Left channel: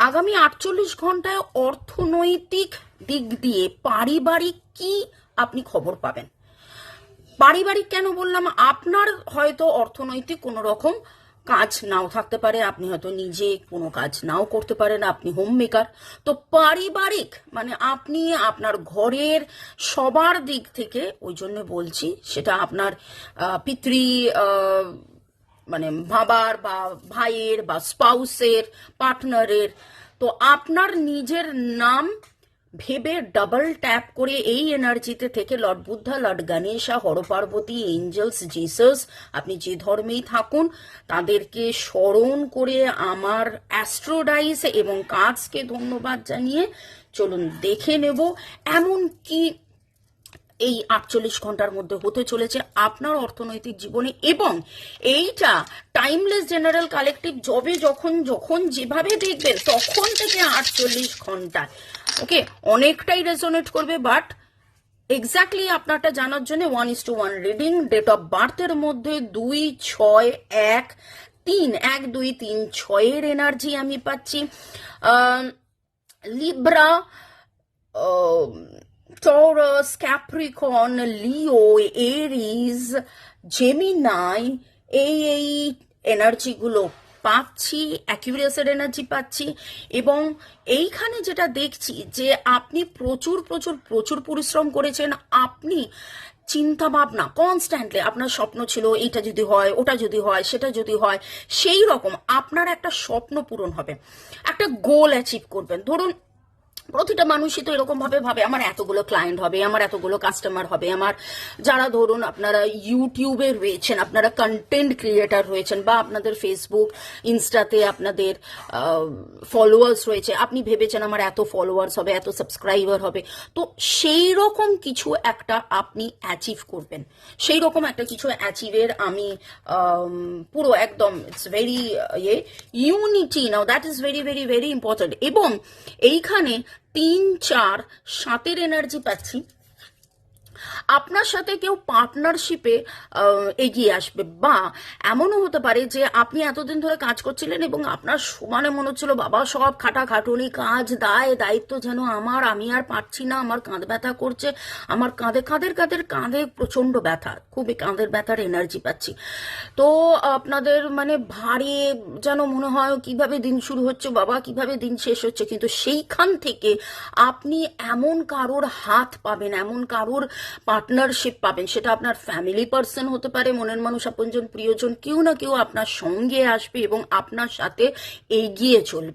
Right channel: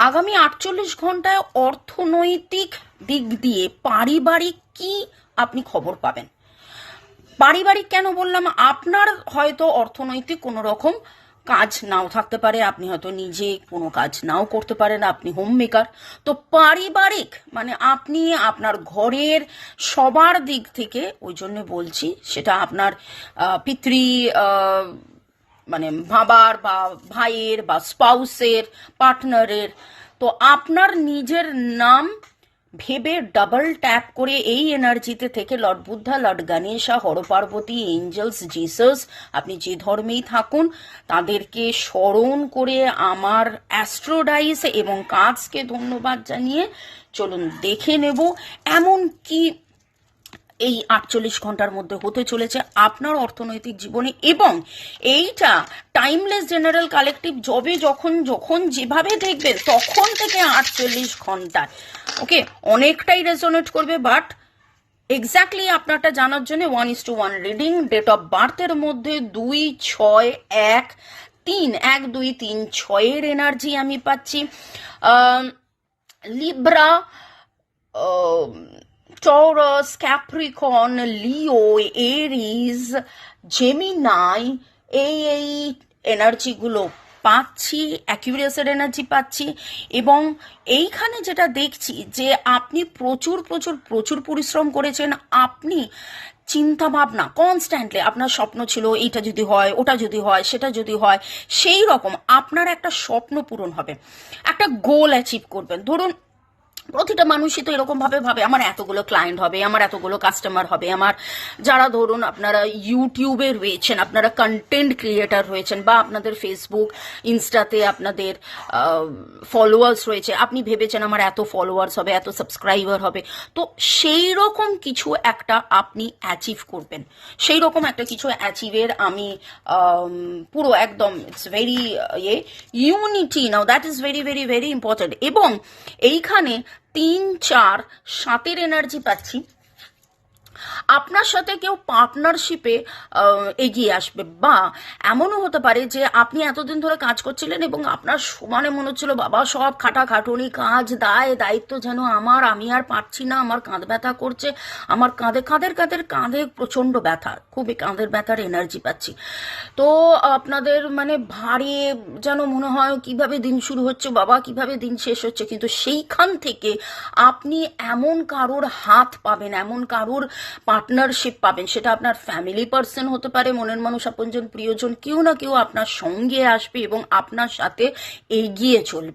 আগামী 48 ঘন্টায় অর্থনৈতিক দিক দিয়ে পারিবারিক কি আপনি খবর পাবেন। পারিবারিক কেন বললাম, আপনার হয়তো অর্থনৈতিক কোনো রকম কাজ নাও থাকতে পারে, আপনি হয়তো নিজে কোনো কাজ নাও করতে পারেন, আপনি হোম মেকার। তো পারিবারিক মানে আপনি আপনার ঘরের সবার দিক থেকে, ওই জন্য বলছি সেটা আপনার পিতৃ মানে বাবার বা ভাইয়ের বা স্পাউসের, পার্টনারের। তো আপনার নিজের নাম ভেবে ডাবল ট্যাপ করে এই এনার্জিতে থেকে lord Buddha, lord Ganesha, Hara Parvati, angels, Jesus, আপনি যে ধর্মেই থাকুন তাদেরকে স্মরণ করে আমার অ্যাস্ট্রোডাইস এবং কাজকে ধন্যবাদ জানিয়ে চলুন দেখে নেব এমন কি এই 48 ঘন্টার মধ্যে হতে চলেছে আপনার অর্থনৈতিক জীবনে। এবং এইটা টাইমলেস জেনারেল কালেকটিভ যখন যখন যেভাবে দেখবেন তখন থেকে 48 ঘন্টা ওকে অনেকটাই রেজোনেট করবে। বাট এক্স্যাক্টলি আপনারটা জানার জন্য 1:1 রিডিং, ডেট অফ বার্থের মধ্যে 2-6-1-3 এনার্জি আমি পাচ্ছি। লিব্রা, টরাস, ক্যাপ্রিকন, লিও, এরিজ, জেমিনাই, এই এনার্জিগুলো পাচ্ছি, অ্যাকুরিয়াসের এনার্জি পাচ্ছি। এবং এইখানে যেটা দেখছি যে আপনি প্রচুর প্রচুর প্রচুর পরিশ্রম করেছেন, আপনি চিন্তা ভাবনা কনস্ট্যান্টলি, আপনার স্বপ্ন ছিল এইটা যদি হয়, ওটা যদি হয়, সেটা যদি হয়, সেই রকম আপনার একটা স্বপ্ন পূরণ হবে, একটা গোল অ্যাচিভ করবেন। ধরুন প্রতিটা মানুষই তো এরকম ভাবে ভাবে আমার এতগুলো ক্লায়েন্ট হবে, আমার এতগুলো কাস্টমার হবে, আমার যারা ধরুন আপনারা ইউটিউবে রয়েছেন, আপনারা কন্টেন্ট ক্রিয়েটার রয়েছেন, বা আপনাদের ফেসবুক ইনস্টাতে আপনাদের ফলোয়ার্স রয়েছে, আপনি ভেবেছেন আমার এত ফলোয়ার্স হবে, এত সাবস্ক্রাইবার হবে। তো সেই রকম কিছু একটা আপনি অ্যাচিভ করবেন, সেই রকম একটা কিছু অ্যাচিভের আমি পুরো একদম it's very unity now, that is very very very important. এবং এইখানে 3-4-7 এনার্জি পাচ্ছি, আপনার সাথে কেউ পার্টনারশিপে এগিয়ে আসবে। বা এমনও হতে পারে যে আপনি এতদিন ধরে কাজ করছিলেন এবং আপনার সমানে মনে হচ্ছিল বাবা সব খাটাখাটুনি, কাজ, দায়িত্ব যেন আমি আর পারছি না, আমার কাঁধ ব্যথা করছে, আমার কাঁধে প্রচন্ড ব্যথা, খুবই কাঁধের ব্যথার এনার্জি পাচ্ছি। তো আপনাদের মানে ভারী যেন মনে হয় কিভাবে দিন শুরু হচ্ছে বাবা, কিভাবে দিন শেষ হচ্ছে। কিন্তু সেইখান থেকে আপনি এমন কারোর হাত পাবেন, এমন কারোর পার্টনারশিপ পাবেন, সেটা আপনার ফ্যামিলি পার্সন হতে পারে, মনের মানুষ, আপনজন, প্রিয়জন, কেউ না কেউ আপনার সঙ্গে আসবে এবং আপনার সাথে এগিয়ে চলবে।